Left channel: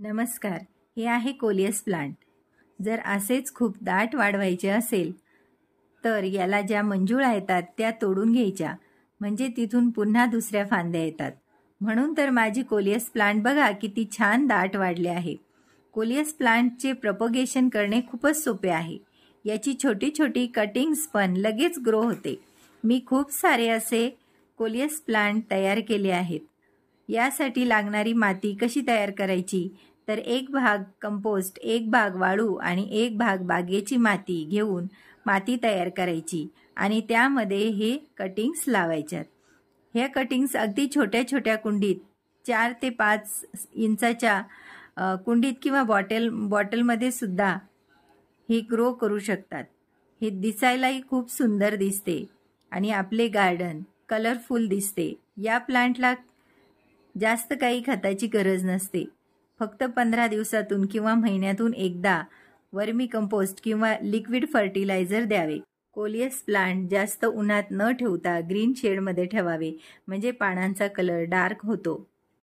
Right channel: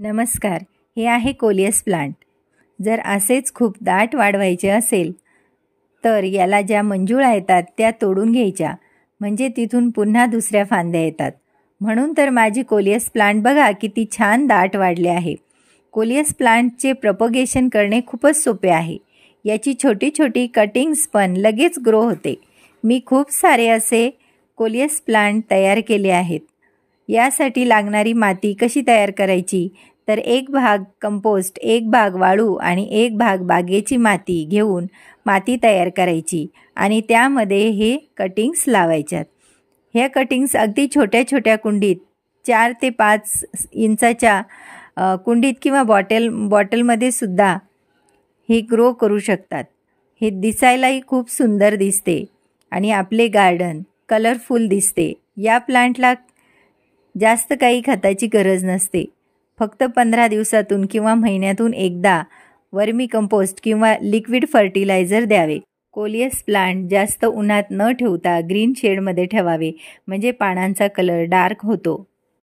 नमस्कार. हे आहे कोलियस प्लांट. जर असेच खूप दाट वाढवायचे असेल तर याला ज्या मंजुळा येतात त्या तोडून घ्यायच्या, म्हणजे तिथून पुन्हा दुसऱ्या फांद्या येतात. म्हणून तर माझी कोलियस प्लांट बघा किती छान दाट वाढले आहे. कोलियस प्लांटचे प्रपोगेशन करणे खूपच सोपे आहे. याची छोटी छोटी कटिंग्स पण लगेच ग्रो होते. मी खूप सारे असे कोलियस प्लांट तयार केले आहेत. यासाठी लागणारी माती कशी तयार करायची, तर 1 भाग कंपोस्ट, 1 भाग वाळू आणि 1 भाग बागेची माती घेऊन माती तयार करायची आणि त्यामध्ये हे कटिंग्स लावायच्यात. ह्या कटिंग्स अगदी छोट्या छोट्या कुंडीत 4 ते 5 इंचाच्या कुंडीत किंवा बॉटलमध्ये सुद्धा हे ग्रो करू शकतात. हे दिसायलाही खूप सुंदर दिसते आणि आपले गार्डन कलरफुल दिसते. या प्लांटला जास्त काही खताची गरज नसते. फक्त 15 दिवसातून किंवा महिन्यातून एकदा वर्मी कंपोस्ट किंवा लिक्विड फर्टिलायझर द्यावे. कोलियस प्लांट जास्त उन्हात न ठेवता ग्रीन शेडमध्ये ठेवावे, म्हणजे पानांचा कलर डार्क होतो.